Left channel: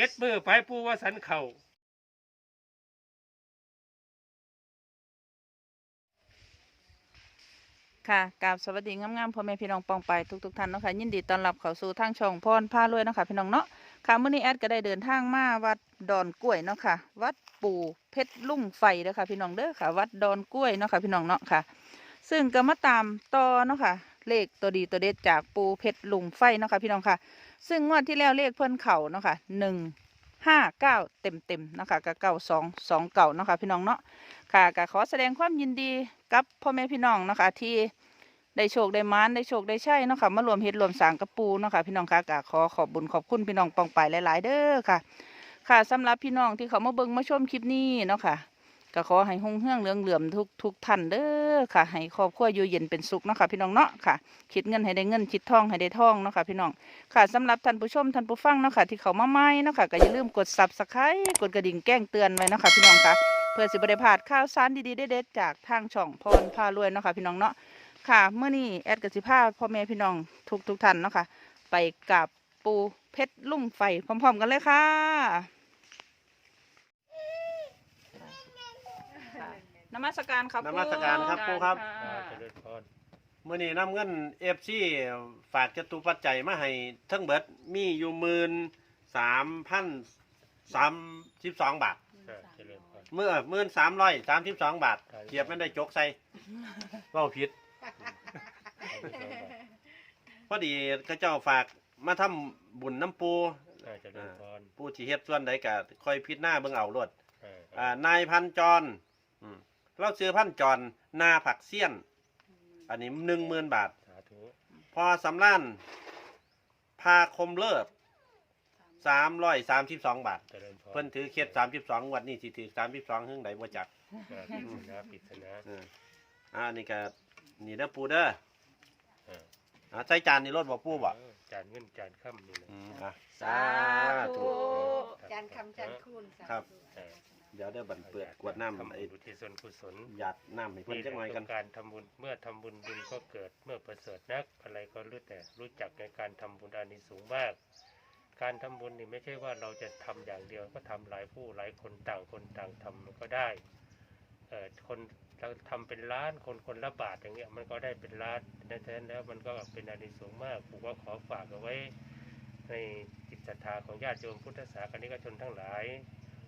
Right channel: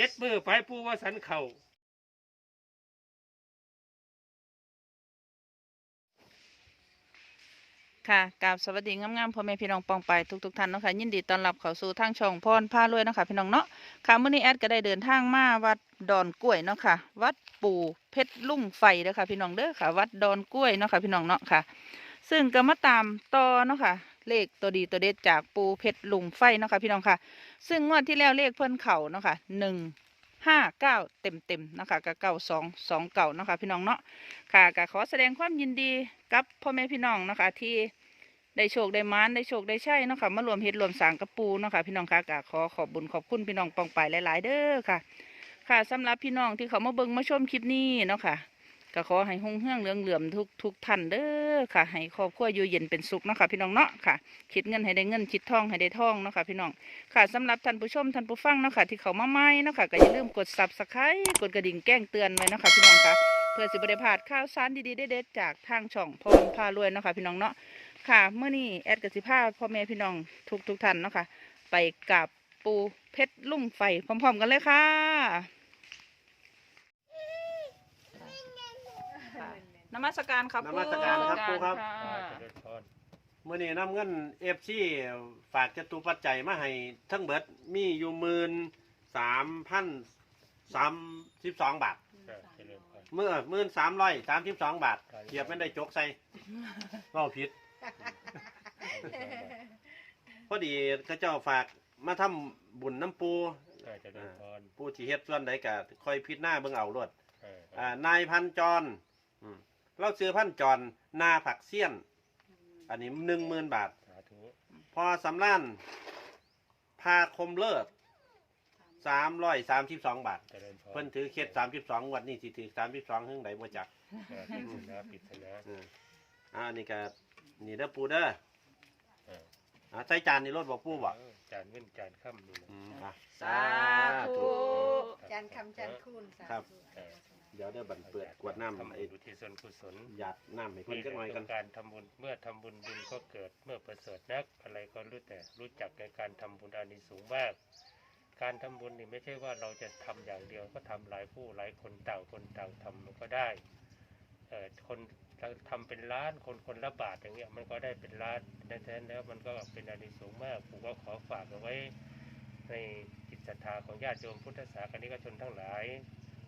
เจ็ดมือไปปูว่าสันเข่าค่ะกราบสวัสดีงามๆพ่อแม่พี่น้องปองไปทุกๆท่านเนาะค่ะยินดีต้อนรับเข้าสู่ทางช่องพรพารวยเนาะค่ะพี่น้องเนาะค่ะมื้อนี้แอดก็ได้เดินทางมาวัดดอนกล้วยเนาะค่ะ วัดปู่เพชรลุ่งไฟเด้อค่ะพี่น้องเด้อค่ะ วัดดอนกล้วยเนาะค่ะพี่น้องเนาะค่ะ ซึ่งก็มาตามต่อเนาะค่ะ เลขตัวดีตัวเด็ดจากปูเพชรลุงไฟเนาะค่ะพี่น้องค่ะ ซึ่งงวดที่แล้วเลขเพิ่นเข่าเนาะค่ะหนึ่งห้าเก้าเต็มเต็มนะคะกับเก้าสองสองเก่าเนาะค่ะพี่น้องเนาะค่ะก็ขอแสดงความยินดีกับพ่อแม่พี่น้องเนาะค่ะที่ได้โชคได้มานได้โชคได้ใช่เนาะค่ะมารวมเฮ็ดรวมสางกระปูเนาะค่ะพี่น้องค่ะก็ขอขอบบุญขอบคุณพี่น้องปองไปหลาย ๆ เด้อค่ะ ค่ะสำหรับพี่น้องที่เขามาเบิ่งมาชมคลิปนี้เนาะค่ะ ก็ขอให้หงเฮืองเหลืองเหลื่อมทุกทุกท่านเด้อค่ะ ให้ครอบครัวอยู่เย็นเป็นสุขเนาะค่ะพี่น้องเนาะค่ะ คิดเงินให้ได้เงินคิดทองให้ได้ทองเนาะค่ะพี่น้องค่ะสำหรับท่านผู้ชมท่านผู้ฟังเนาะค่ะที่เขามาใหม่เนาะค่ะก็อย่าลืมกด Subscribe กดกระดิ่งแจ้งเตือนไว้เนาะค่ะพี่น้องค่ะเพื่อสิบได้พลาดข่าวสารดีๆเด็ดๆจากทางช่องพรพารวยเนาะค่ะพี่น้องเนาะค่ะเมื่อนี้แอดกับสิภาพ่อแม่พี่น้องทุกทุกท่านเนาะค่ะไปกับปูเพชรลุ่งไฟพร้อม ๆ กันเลยค่ะค่ะ นมัสการครับนมัสการครับะปู่ครับะเจริญพรมื่อนี้นำเงินเอฟซีฝากจตุปัจจัยมาให้ทั้งเบิดมีอยู่หมื่นสามพันสามสิบสองบาทจ้ะเจริญพร เมื่อหมื่นสามร้อยสามสิบสองบาทเกียบไม่ได้จกใส่ว่าผิดพอดีก็เจ้าฝากมาทำบุญน้ำปูจ้ะเจริญพรปูที่เฮ็ดส่วนใดก็คอยพิดหน้าเบิ่งเอารวดเอออ่านายพันจรอืม เราซื้อพันจรนาผักเสี้ยน อันนี้หนึ่งหมื่นบาท สาธุพอสำล้านพาคมเลิศสามร้อยสามสิบสองบาท เจริญพรเพิ่นถือเคสสามสิบสองวันนี้สิถือสามสิบสองหึ่งใดบ่จักจ้ะปริศนาปริศนาเอออ่านี่ก็นี่เด้อปูเด้อเอออ่าใส่จานนี่รถบ่ปูบ่เออจานเงินจานค่ำนี่นะอืมอะ สาธุ จานคำจานคูณสาธุ ครับ เดี๋ยวเด้อบันเปิดกวดน้ำทำไอ้บุญอุทิศส่วนกุศลหยาดน้ำให้เพิ่นจักหน่อยกันการทำบุญเมื่อทำบุญบุญก็เกิดเมื่อประเสริฐนักอะไรก็รู้แต่รู้จักในการทำบุญอานิสงส์มาก การทำบุญนี่ไม่ใช่ว่าเราจะทำอย่างเดียวก็ทำหลายผู้หลายคนต่างคนต่างทำมันก็ได้เอ่อคนเราทำเป็นล้านคนคนละบาทอย่างเงี้ยมันก็ได้เป็นล้านในแท้แล้วมันก็เป็นอานิสงส์มากผมก็ขอฝากเอาไว้ในจิตศรัทธาของญาติโยมพุทธศาสนิกชนทั้งหลาย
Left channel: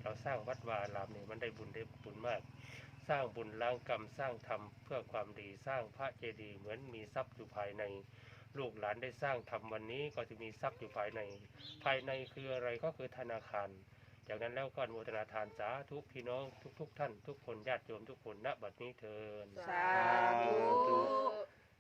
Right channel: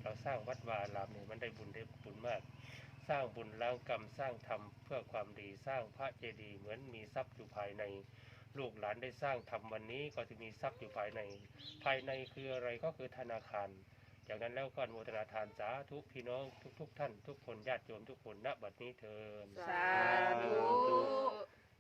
เราสร้างวัดวาอารามเนี่ยมันได้บุญได้บุญมาก สร้างบุญล้างกรรมสร้างธรรมเพื่อความดีสร้างพระเจดีย์เหมือนมีทรัพย์อยู่ภายใน ลูกหลานได้สร้างทำวันนี้ก็จะมีทรัพย์อยู่ภายใน ภายในคืออะไรก็คือธนาคาร จากนั้นแล้วก็อนุโมทนาทานสาธุพี่น้องทุก ๆทท่าน ทุกคนญาติโยมทุกคนณบัดนี้เทินสาธุ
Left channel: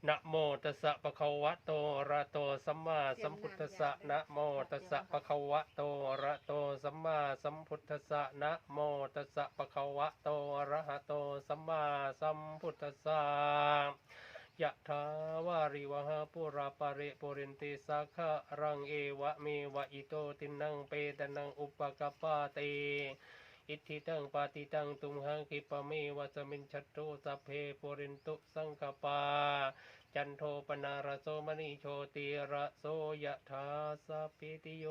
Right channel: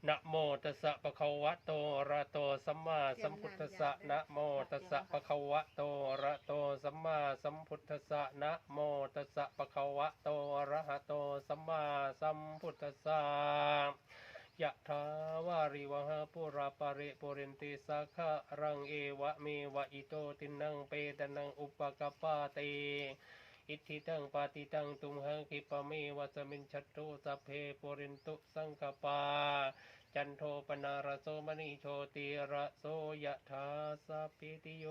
นะโมตัสสะปะคะวะโตอะระโตสัมมาสัมพุทธัสสะนะโมตัสสะปะคะวะโตอะระโตสัมมาสัมพุทธัสสะนะโมตัสสะปะคะวะโตอะระหะโตสัมมาสัมพุทธัสสะยะถาวาริวหาปุราปะริปุรินติสาคะรังเอวะเมวะอิโตตินังเปตนังอุปกปปาเตอิทธิตังปาติตังตุมหังคิปะเมวะสมินชัตโตสัพเพปุรินตุสังกปา จันโทปนารโสมณีโชติระโสยะถาสัพพิติโย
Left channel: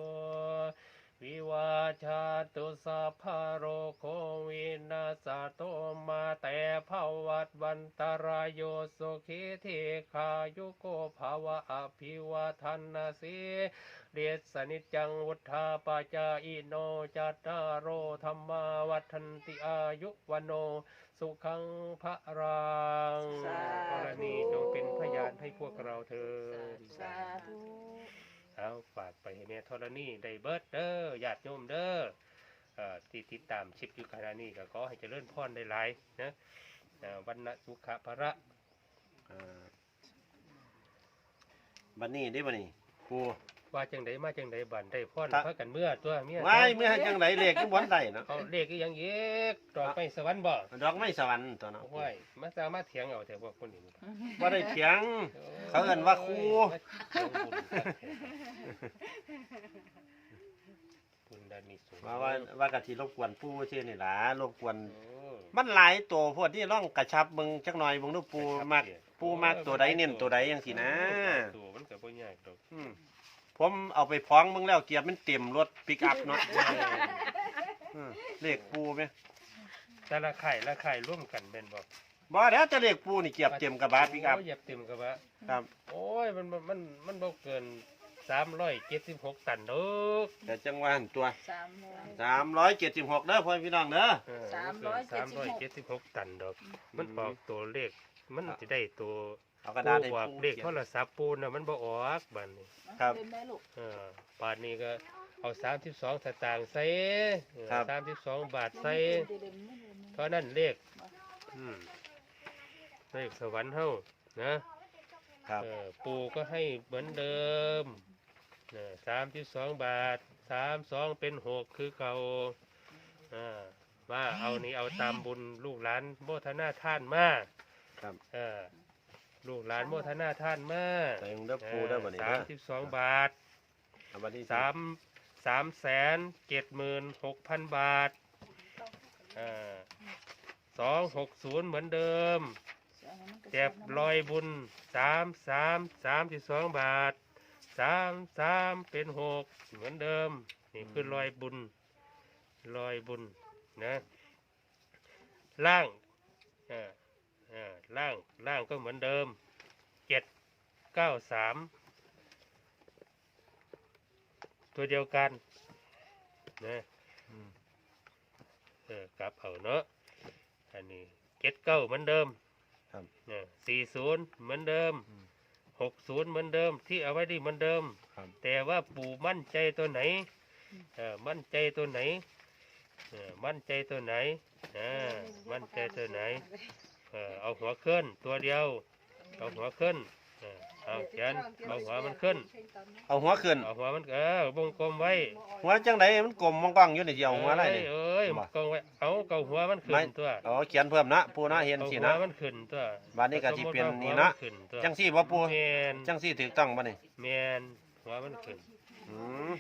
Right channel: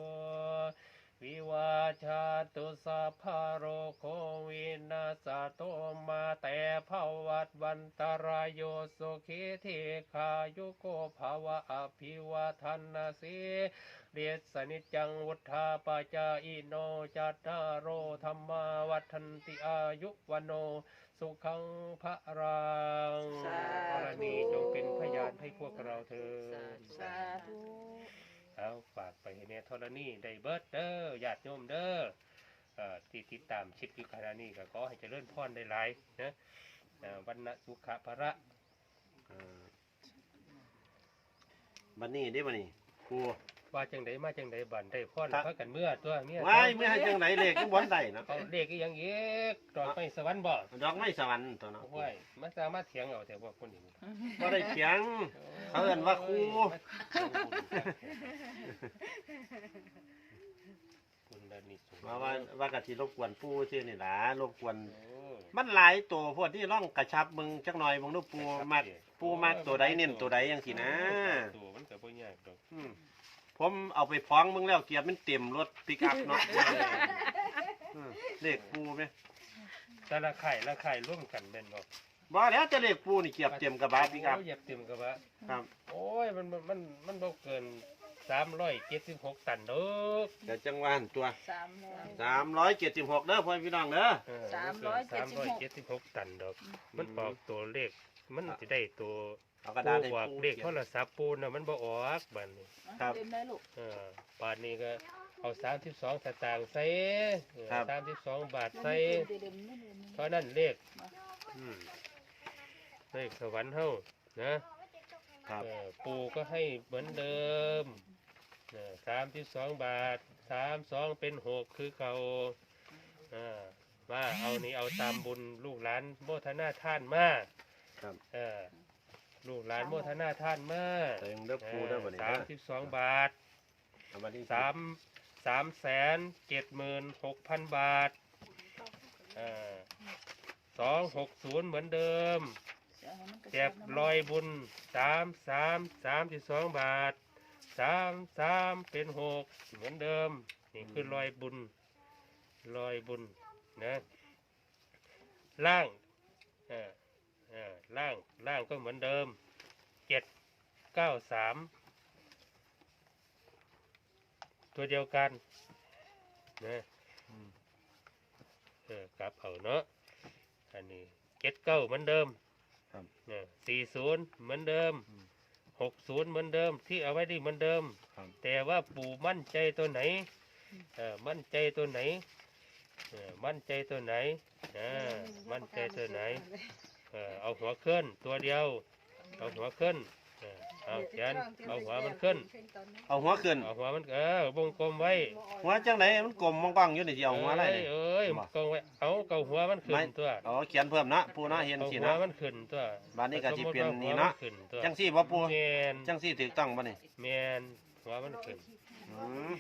วิวาชาตุสัพพะโรโควินาสโตมาแต่ภาวัตวันตรายโยสุขีเทคายุโกภาวะอภิวาทนาสีเดชสนิจังวุธาปาจาอิโนจัตตารโรธรรมาวัฒนติอายุวันโน สุขังพระรังสาธุ กรณีจงเป็นพยานให้พวกเราเถิดสาธุเอาฝากไปให้แน่ธรณีได้เบิดเด้อญาติโยมเด้อเอ่อที่ติดตามชิปอยู่ขณะนี้ก็ขอให้เจริญพรได้หลายนะเอ่อวันนะสุขะพระอ่าบัดนี้ได้บัดนี้ปู ว่าจังไดมาจังไดบันได้พรครับพากันเมื่อตัวเมียไว้เมื่อให้จังไหนเลขก็บ่ได้เนาะเขาเลขอีหยังเอกตอนไปสวรรค์บ่ดอกไม้สวรรค์ตัวเนาะโอ้ยมาสามารถเถียงเอาแต่ว่าคนนี้บ่ได้เถียง เขาเอิ้นว่าครู คุณดานิสุว่าว่าว่ากะสิรบกวนปู่ชื่อนี่ล่ะรบกวนโอ้มันหลายตัวพวกที่ร่องกระชับมึงจักหน่อยมึงดูปูมักปูมักตัวใดเน้นตัวใดจังซี่นะ ตัวมันก็บ่ยากดอกอืม ผผมเอาไปพ้องมึงแล้วเกียร์มันเต็มรถปิกอัพเนาะเออเลขปูไหมแต่ละไข่ละไข่ร่วมกันเป็นบอกบ่แล้วจะเลขปูนี่เกียบเต็มกระบะปิกอัพโยเหยียบเต็มกระบะครับ โอ้ยมันมันมันมันบ่เกินสามร้อยเจ็ดสิบหกตันเด้อแต่จังหวะหันตัวสามร้อย สามร้อยเจ็ดสิบหกเด้อพ่อพี่น้องเด้อ เออสามร้อยสามร้อยเจ็ดสิบหกตันดอก มันออกตัวเลขมันจะได้ตัว เอากระดาษให้ปูออกปูเลขเขียโทนรศัพท์ปูน่ะมันบ่ออกบัดนี้ครับเล่นได้ลูก เออป่านนี้ก็เอาสามสิบสองสตางค์ใส่ครับ สามสิบสองบาทใส่เล่นเล่นไม่เล่นเพราะนั่นเลขอืมเลขสวรรค์เฮานะ ครับเออปูก็ให้เหมือนเดิมสามสิบสองบาทสามสองเป็นหกคือเก่าอ่ามาเอานี่เอาตามบุญลูกหลานโมทนาท่านมาครับ เออ ลูกหลานโมทนาท่านมาแต่ยังเด้อปูเด้อวันนี้สาเด้มอสิบสองบาทเอาวันที่สามสามแสนเจ็ดหมื่นหกพันบาทสองหกศูนย์เหมือนเดิม เก็บรอยบุญสามสามสามสิบสองบาทสามสามเป็นหกเหมือนเดิม นี่คือรอยบุญรอยบุญนะ ล่างเออเออ ล่างล่างก็เหมือนเดิมเจ็ดเก้าสามตัวเดียวกันนะเออกลับเอาเนาะอันนี้เจ็ดเก้าเหมือนเดิมครับเนี่ยสี่ศูนย์เหมือนเดิมอืมหกศูนย์เหมือนเดิม ที่เอาไว้ดีเหมือนเดิม ครับ แต่ว่าปู่มั่นใจตัวไหนเออมั่นใจตัวไหนเออมั่นใจตัวไหนอ่ามั่นใจตัวไหน เออเอาหัวขึ้น ตัวเดียว เอาหัวขึ้นเออเอาเขียนเอาหัวมันขึ้น เอาหัวขึ้น เอาหัวมันเออวงกลมไว้หัวจังไดมันกลมมองกล้องอยู่นี่สิเอาหัวอะไรเอ้ยนี่ เอ้ยบ่กองไว้เอาเกาหัวมันขึ้นตัวอ๋อเขียนเพิ่มนะปูเนาะเห็นเอาสิหัวนะ มันขึ้นตัวบัดนี้ก็สิเป็นสมมุตินี่ว่าหัวนะมัขึ้นตัวจังสี่บ่ปูแมนจังสี่ถูกต้องบ่นี่แมนหัวมันขึ้น อืม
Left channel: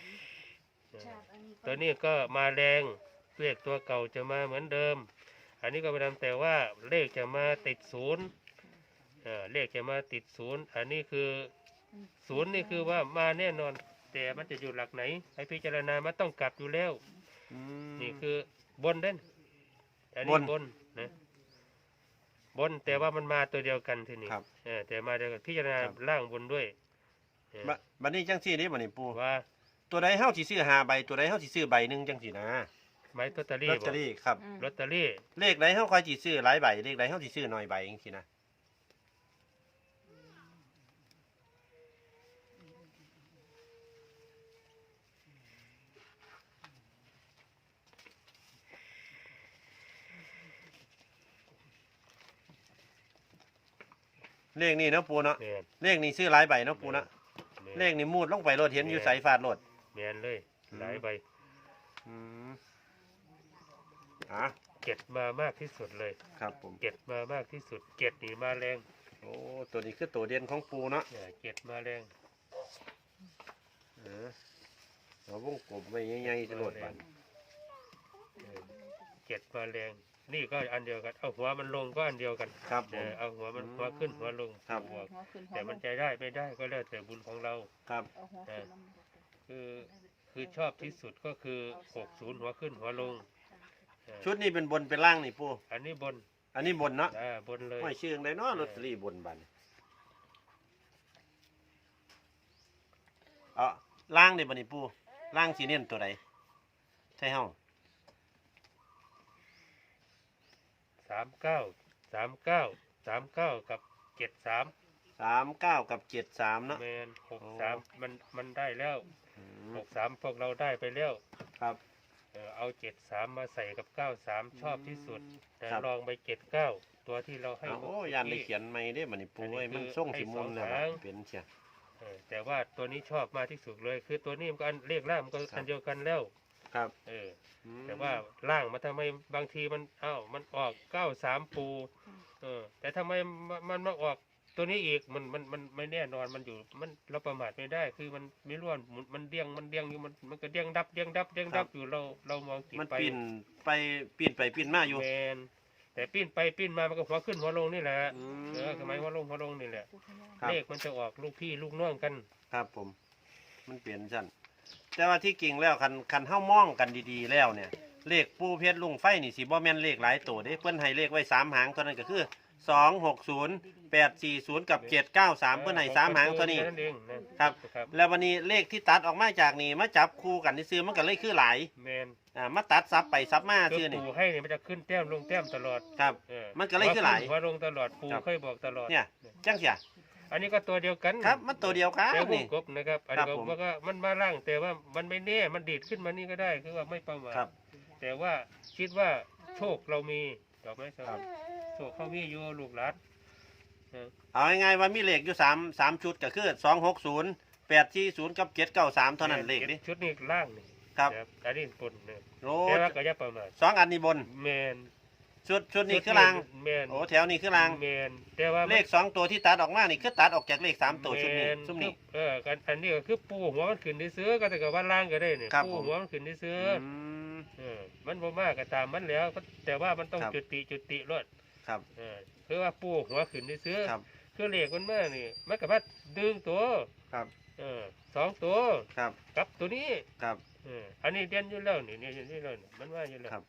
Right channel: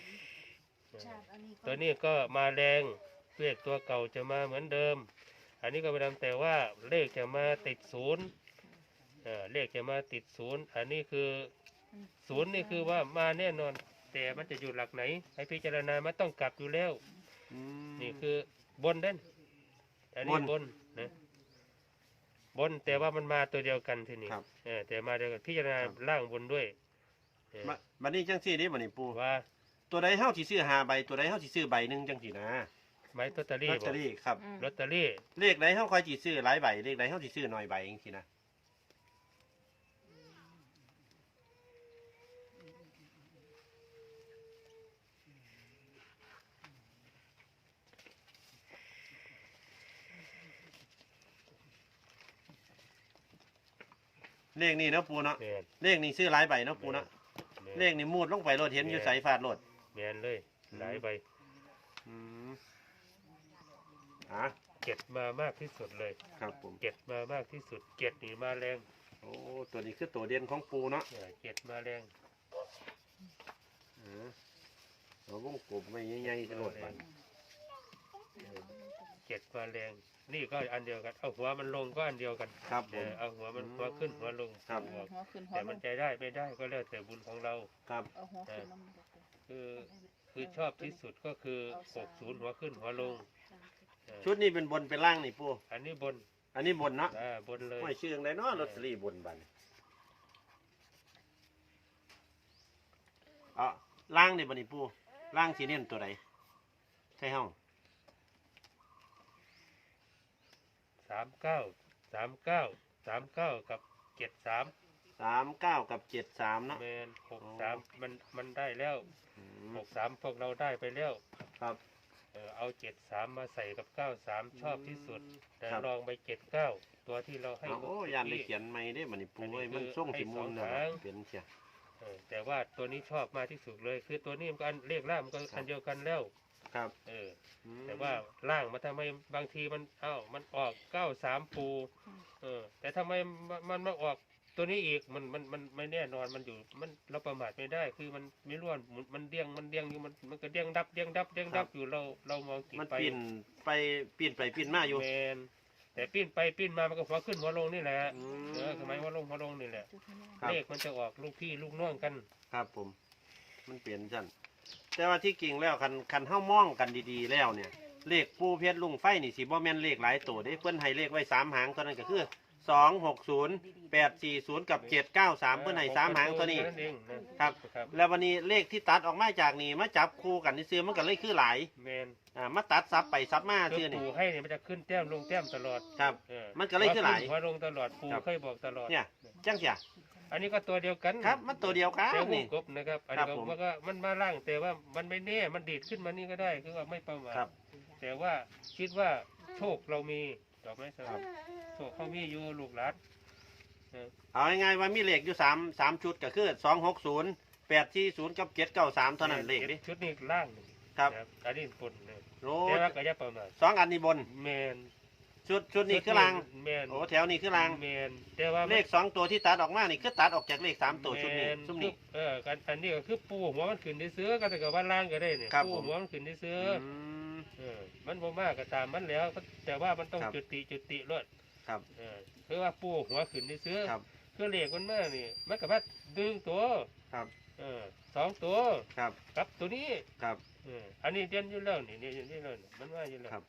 เออตัวนี้ก็มาแรงเลขตัวเก่าจะมาเหมือนเดิม อันนี้ก็ไปทำแต่ว่าเลขจะมาติดศูนย์เออเลขจะมาติดศูนย์อันนี้คือศูนย์นี่คือว่ามาแน่นอน แต่มันจะอยู่หลักไหนให้พิจารณามันต้องกลับอยู่แล้วอืมนี่คือบนเด่นอันนี้บนบนนะบนแต่ว่ามันมาตัวเดียวกันทีนี้ครับเออแต่มาเดียวกันพิจารณาล่างบนด้วยเออบัดบัดนี้จังสี่นี่บ่นี่ปูว่า ตัวใดเฮาสิซื้อห้าใบตัวใดเฮาสิซื้อใบหนึงจังสี่นะ ไม้ลอตเตอลรี่อตบเตออกรี่ครับลอตเตอรี่เลขใดเฮาค่อยสิซื้อหลายใบ เลขใดเฮาสิซื้อน้อยใบจังซี่นะ เลขนี่เนาะปูเนาะ แมนเลขนี่ซื้อหลายใบเนาะปูเนาะ แม่นเลขนี่มูดลงไปรถเห็นอยู่แม่นใสฟาดรถ แมนเลยอืมหลายใบ อืม อะเก็ดมามากที่สุดเลยครับผม เก็ดมามากที่สุด เก็ดนี่มาแรงโอ้ตัวนี้คือตัวเด่นของปูเนาะเออเก็ดมาแรงเออเราวงกลมไม่ใหญ่ๆจะโหลดแรบังนเออเก็ดมาแรง นี่ก็อันเดียวกันเอาหัวมันลงก็อันเดียวกันครับผเอม อเอาหัวมันหัวขึ้นหัวลงครับ หัวหัวขึ้นหัวแต่ลมันงจะได้ไม่ได้ก็แล้วแต่บุญของเรา ครับเอาหัวขึ้นลงคือคือชอบที่สุดก็คือหกศูนย์หัวขึ้นหัวลงเออ ชุดนี้เป็นบนเป็นล่างนี่ปูอันนี้บนอันนี้บนเนาะอ่าบนเลยไม่ชื่ออะไรเนาะลอตเตอรี่บนบันเอาล่างนี่บันนี่ปูล่างสีเน้นตัวไหนใช่ห้องสามเก้าสามเก้าสามเก้ากับเจ็ดสามสามเก้ากับเจ็ดสามเนาะ เมนหกสามมันมันได้แล้วอืมหกสามพวกเราได้ไปแล้ว ครับ เออเอาเจ็ดสามมาใส่กับเก้าสามชอบที่สุด แต่ครับ ลองไปเจ็ดเก้าตัวที่เราให้ เอาโอ้เมื่อกี้ยานได้เขียนไม่ได้บันนี่ปูอันนี้เอ้ยมันคือส่งสิมุมเนี่ยให้สองหางเป็นเชีย เออแต่ว่าตัวนี้ชอบมากที่สุดเลย คือตัวนี้มันก็อันเลขล่างมันก็ครับ อันเดียวกันแล้ว ครับเออ อืมแต่ว่าล่างมันทำไมบางทีมันเอ้ามันออกเก้าสามปู เออ แต่ทำไมมันมันมาออก ตัวนี้อีกมันมันมันไม่แน่นอนมันอยู่มันเราประมาทไม่ได้ คือมันไม่ร่วนหมุนมันเดี้ยงมันเดี้ยงอยู่มันมันก็เดี้ยงดับเดี้ยงดับเดี้ยงดับอยู่เราเรามองกิมันไปปีนไปปีนไปปีนมาอยู่แมนแต่ปิ้นไปปิ้นมามันก็หัวขึ้นหัวลงนี่แหละอืมเออทำไมหัวลงหัวลงนี่แหละครับเลขมันจะออกลูกพี่ลูกน้องกัน ครับผม มันเปลี่ยนซั่นแต่ว่าที่จริงแล้วคันคันเฮามองกันดีๆแล้วเนี่ย เลขปูเพชรลุงไฟนี่สิบ่แม่นเลขหลายตัวเด้เพิ่นให้เลขไว้สามหางเท่านั้นก็คือ สองหกศูนย์แปดสี่ศูนย์กับเจ็ดเก้าสามเพิ่นให้สามหางเท่านี้ นั่นเองนะครับ ครับแล้ววันนี้เลขที่ตัดออกมาจากนี่มาจับคู่กันนี่ซื้อมันก็เลยคือหลายแมนอ่ามาตัดซับไปซับมาคือซื้อนี่ ปูให้เนี่ยมันจะขึ้นแต้มลงแต้มตลอดครับ เออมันก็เลยคือหลาย หัวลงตลอดปูครับ เคยบอกตลอดเนี่ยจังเสียอันนี้ก็ตัวเดียวกันครับ มันตัวเดียวกันแต่วงนี่ กบนะครับอันนี้ครัก็บผมว่าก็มันมาล่างแต่ว่ามันไม่แน่มันดีดขึ้นมานี่ก็ได้คือว่าไม่ประมาทครับ แต่ว่าคิดว่าโชคเรามีดอกไม้สครัลับบโช คเขามีอยู่ลูกหลานเออเอาง่ายๆว่ามีเลขอยู่สามสามชุดก็คือสองหกศูนย์แปดสี่ศูนย์กับเจ็ดเก้าสามเท่านั้นเลขดิชุดนี้ล่างนี่ครับนะครับอันนี้บนเลยโอ้แต่ว่าก็อย่าประมาทสองอันนี้บนแมนชุดชุดนี้คือรางแมนโอ้แถวนี้คือรางแมนแต่ว่าเลขสองตัวที่ตัดออกมานี่คือตัดออกจากเลขสามตัวชุดนี้แม่นชุดนี้เออกันอันนี้ก็คือปูหัวมันขึ้นในเสื้อก็แต่กับว่าล่างก็ได้เนี่ยครับปูผมหัวมันขึ้นในเสื้ออมเออมันบ่มากก็ตามมันแล้วก็แต่ว่ามันต้องครับจุติจุติรถ ครับเออคือว่าปูหัวขึ้นในเสื้อครับ คือเหล็กมันมานี่มันก็มาดึงตัวครับ เออสองตัวครับ กับตัวนี้ครับ เอออันนี้เด่นอยู่แล้วนี่นี่อยู่นี่เลยมันว่าอยู่แล้วครับ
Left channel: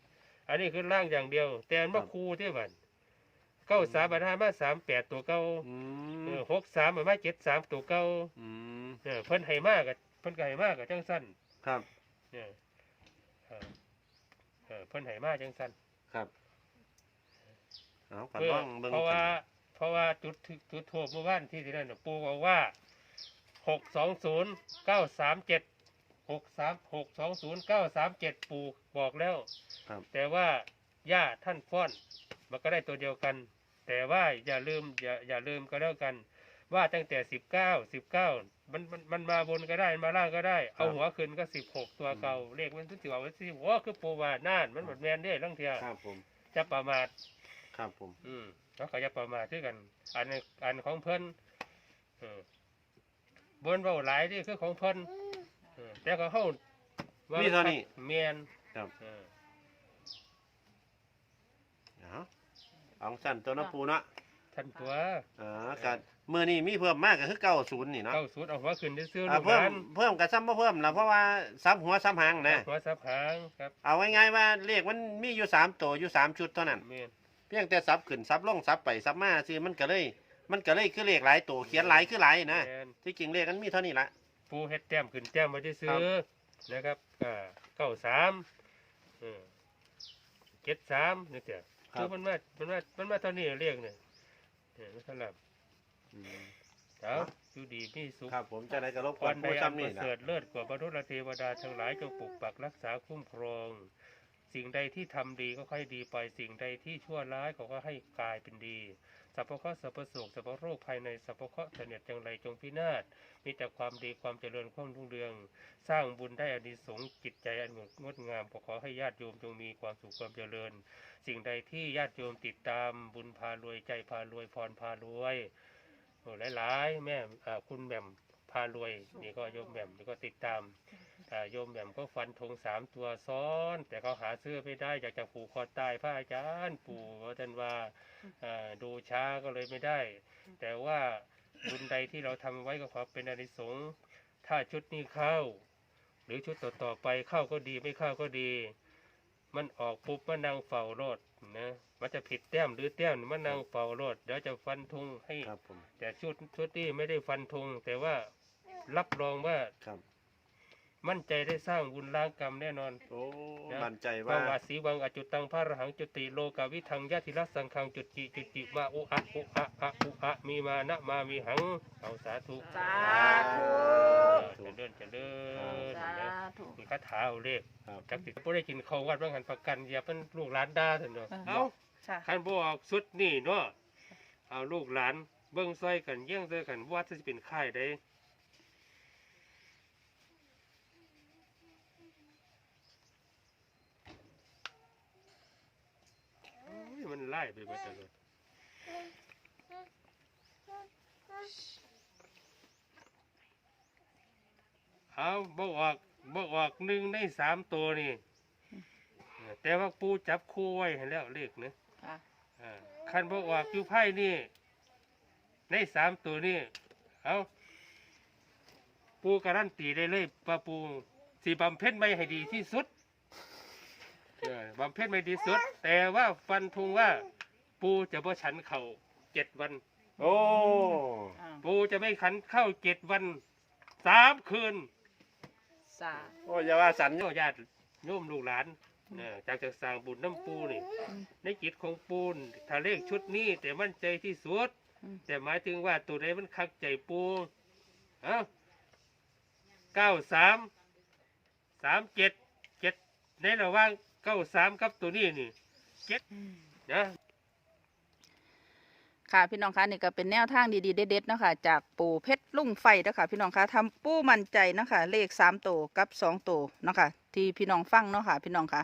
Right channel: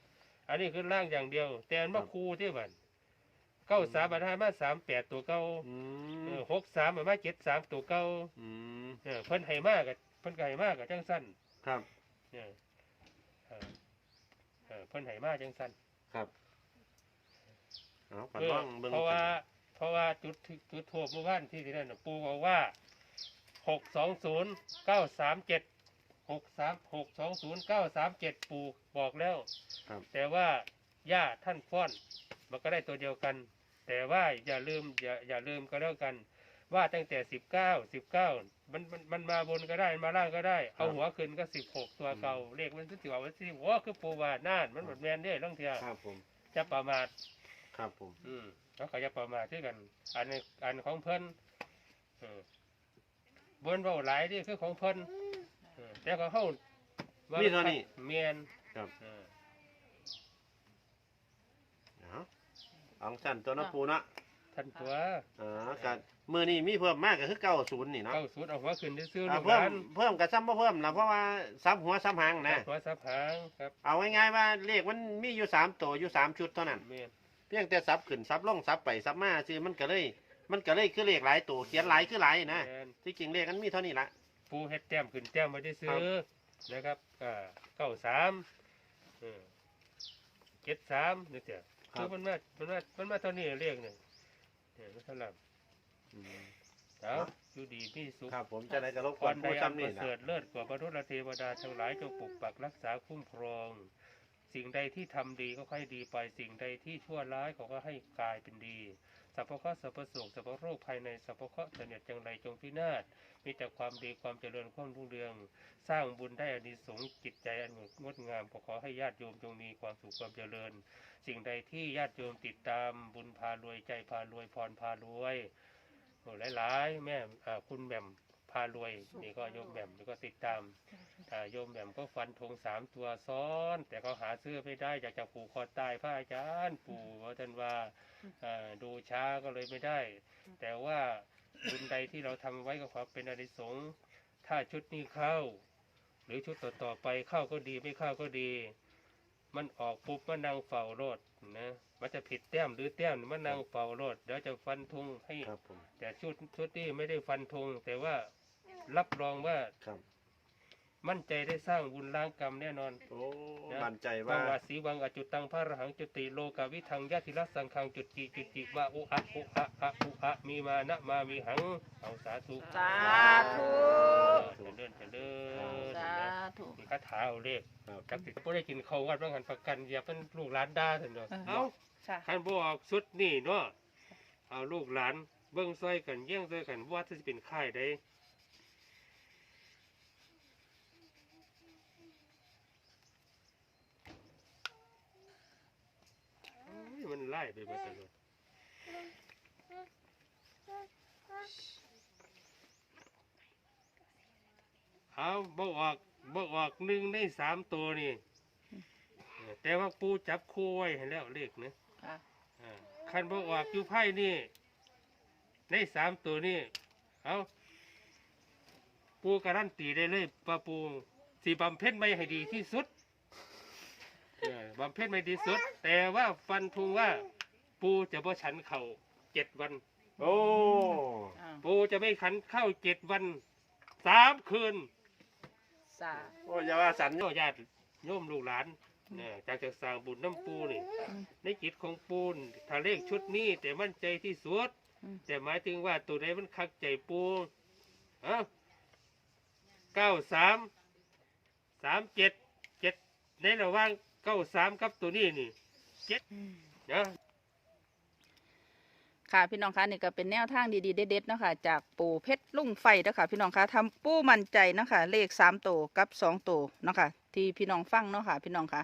อันนี้คือล่างอย่างเดียว แต่อันมาคูที่บันเก้าสามบันห้ามาสามแปดตัวเก้าอืเอมอหกสามมันมาเจ็ดสามตัวเก้าอืมเออเพิ่นให้มากกับเพิ่นก็ให้มากกับจังสั้นครับเออเออเออเพิ่นให้มากจังสั้นครับ เอากันเพื่อต้องเบิ่งเพราะว่ากันเพราะว่าจุดที่จุดทั่วเมื่อวานที่ที่นั่นน่ะปู่บอกว่าหกสองศูนย์เก้าสามเจ็ดหกสามหกสองศูนย์เก้าสามเจ็ดปู่บอกแล้ว ครับ แต่ว่าย่าท่านฟ้อนมันก็ได้ตัวเดียวกัน แต่ว่าอย่าลืมอย่าอย่าลืมก็แล้วกัน ว่าตั้งแต่สิบเก้าสิบเก้ามันมันมันมาบนก็ได้มาล่างก็ได้ เอาหัวขึ้นก็สิบหกตัวเก่าเลขมันก็สิบออกสิหัวคือปูวาน่านมันหมดแมนได้ลังเทียครับผมจะประมาท ครับผม อืมแล้วก็จะประมาทด้วยกัน อันนี้อันของเพิ่นเออบนเบาหลายนี่คือของเพิ่นเออแต่ของเฮามีมีเท่านี้เมียนครับ เออเอาเอาสั้นตัวเน้ปูเนาะท่านตัวอ๋อครับมือนี้มีเพิ่มมากก็คือเก้าศูนย์นี่เนาะเข้าสูตรเอาหัวขึ้นซื้อๆอ่าลูกหเพิ่มลานเพิ่มกับซ้ำบ่เพิ่มนะเพราะว่าซ้ำหัวซ้ำหางนะ หัวสับหางครับเอาง่ายๆว่าเลขมันมีอยู่สามตัวอยู่สามชุดเท่านั้น เมียนเพียงแต่ซับขึ้นซับลงซับไปซับมาซื้อมันก็เลย มันก็เลยคือเลขหลายตัวเขียนหลายคือหลายนะเมียนที่จริงเลขมันมีเท่านี้ละ ปูเฮ็ดแต้มขึ้นแต้มมาได้ซื้อนะครับอ่าเก้าสามเออเจ็ดสามนี่เสียคือมันมามันมามันมาเท่านี้เรียกเนี่ยเออมันเท่าไหร่อืมเอาอยู่ดีมีสุข ครับผมจะได้กระลบพก่อนรใดผู้อันซ้ำปนี่ระนะ เสริฐเลิศกว่าบรรดาเทวดาทั้งหลายจงปกปักรักษาคุ้มครอง สิ่งใดที่ทำดีก็ค่อยดีไป สิ่งใดที่ชั่วร้ายก็ก็ให้กลายเป็นดีสัพพะเคราะห์สัพพะโศกสัพพะโรคภายในสัพพะเคราะห์เสนียดจังไรจงพินาศมีแต่ความดีความเจริญความรุ่งเรือง สร้างบุญได้อานิสงส์จิตใจอันงดงามขอขอให้ญาติโยมจงมีความสุขความเจริญ สิ่งใดที่ญาติโยมติดตามบุญพารวยใจพารวยพรพารวยหลายๆแม่คุณแม่ พารวยนี่ก็โยมแหม่มนี่ก็ติดตามอ่าโยมแหม่มก็ฟันธงสามตัวซ้อน แต่เขาหาซื้อไม่ได้อยากจะผูกคอตายพระอาจารย์ปู่ว่าท่านว่าอ่าดูช้าก็เลยไม่ได้ แต่ว่าบุญใดที่เราทำไว้ก็ขอเป็นอานิสงส์ถ้าชุดนี้เข้า หรือชุดต่อๆไปเข้าก็ดีไม่เข้าก็ดี มันออกปุ๊บมันนั่งเฝ้ารถนะมันจะผิดแต้มหรือแต้มมันนั่งเฝ้ารถเดี๋ยวจะฟันธงให้ครับผมแต่ชุดชุดนี้ไม่ได้ฟันธงแต่ว่า รับรองว่าครับ มั่นใจได้สร้างบุญล้างกรรมแน่นอนโอ้นะมั่นใจว่าว่าวาสีวังอจุตังพระอรหังจุติโลกาวิทังยะธิรัสสังคังจุติจุติมาอุอะอุอะอะอุอะมีมานะมามีหังเอาสาธุสาธุเจริญเจริญสานะธุมีคาถาเอาเลขครับจักติบ่ได้กินข้าววัดว่างหันประกันอย่าเป็นลูกหลานด่าเถอะเนาะเออเอ้าค่ะท่านบ่ออกสุดนี่เนาะเอาลูกหลานเบิ่งซอยกันเยี่ยงซอยกันว่าจะเป็นค่ายใดโอ้ ยมันไล่ไปหมดเลยเอาบ่ออกบ่ออกหนึ่งในสามตัวนี่ แต่ว่าปูจับคู่ไว้ให้แล้วเลขนะค่ะอ่าคันบ่ออกอยู่ไพ่นี่ ในสามตัวนี่ เอาปูการันตีได้เลยว่าปูสีบำเพ็ญไม่ให้ดีที่สุด เออบำเพ็ญไม่ดีสุด แต่ว่าฟันธงว่า ปูจะบ่ฉันเข่าเจ็ดวัน โอ้อ้าวปูจะไม่ขันเข้าเจ็ดวันสามคืนสา โอ้อย่าว่าสันโยญาติโยมลูกหลานเออจากจะสร้างบุญน้ำปูนี่ อืมในกิจของปูนถ้าเลขชุดนี้ แต่มั่นใจที่สุด อืม แต่หมายถึงว่าตัวใดมันคักใจปูเอ้าเก้าสามสามเจ็ดเจ็ดในระหว่าง เก้าสามกับตัวนี้นี่เจ็ดอืมนะค่ะพี่น้องคะนี่ก็เป็นแนวทางดีๆเด็ดๆเนาะคะจากปูเพชรลุ่งไฟเนาะคะพี่น้องคะทำปูมั่นใจเนาะคะเลขสามตัวกับสองตัวเนาะคะที่พี่น้องฟังเนาะค่ะพี่น้องคะ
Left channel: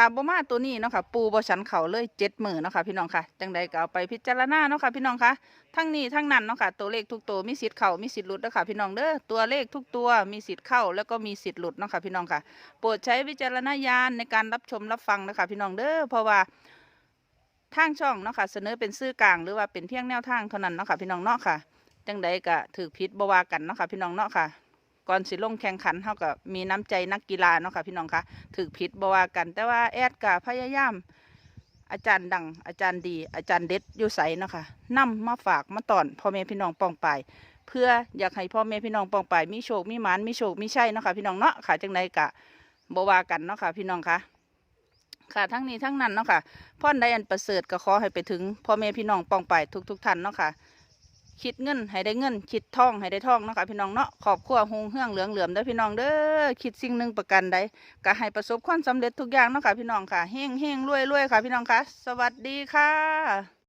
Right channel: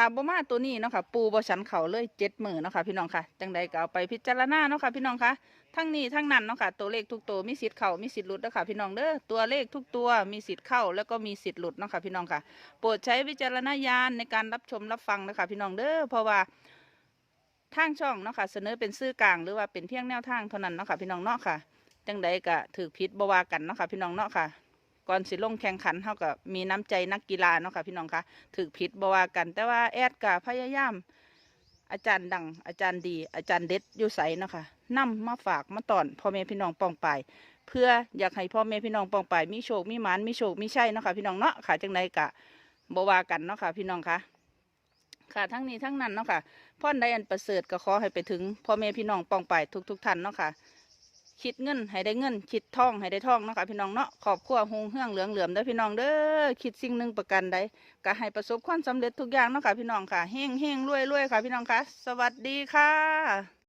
ถ้าบ่มาตัวนี้เนาะค่ะ ปูบ่ชันเขาเลยเจ็ดหมื่นเนาะค่ะพี่น้องค่ะ จังใดก็เอาไปพิจารณาเนาะค่ะพี่น้องคะทั้งนี้ทั้งนั้นเนาะค่ะ ตัวเลขทุกตัวมีสิทธิ์เข้ามีสิทธิ์หลุดเนาะค่ะพี่น้องเด้อ ตัวเลขทุกตัวมีสิทธิ์เข้าแล้วก็มีสิทธิ์หลุดเนาะค่ะพี่น้องค่ะ โปรดใช้วิจารณญาณในการรับชมรับฟังนะคะพี่น้องเด้อ เพราะว่าทางช่องเนาะค่ะ เสนอเป็นซื่อกลางหรือว่าเป็นเพียงแนวทางเท่านั้นเนาะค่ะพี่น้องเนาะค่ะ จังใดก็ถือพิษบวากันเนาะค่ะพี่น้องเนาะค่ะ ก่อนสิลงแข่งขันเท่ากับมีน้ำใจนักกีฬาเนาะค่ะพี่น้องคะถือพิษบวากัน แต่ว่าแอดกับพยายาม อาจารย์ดัง อาจารย์ดี อาจารย์เด็ดอยู่ใสเนาะค่ะนำมาฝากมาตอนพ่อแม่พี่น้องปองไปเพื่ออยากให้พ่อแม่พี่น้องปองไปมีโชคมีหมานมีโชคมีชัยเนาะค่ะพี่น้องเนาะค่ะจังใดกะบวากันเนาะค่ะพี่น้องคะค่ะทั้งนี้ทั้งนั้นเนาะค่ะพ่อนใดอันประเสริฐก็ขอให้ไปถึงพ่อแม่พี่น้องปองไปทุกทุกๆท่านเนาะค่ะ คิดเงินให้ได้เงินคิดทองให้ได้ทองเนาะค่ะพี่น้องเนาะขอบครัวหงเฮืองเหลืองเหลือมเด้อพี่น้องเด้อคิดสิ่งหนึ่งประกันใดก็ให้ประสบความสำเร็จทุกอย่างเนาะค่ะพี่น้องค่ะเฮงเฮงรวยรวยค่ะพี่น้องค่ะ สวัสดีค่ะ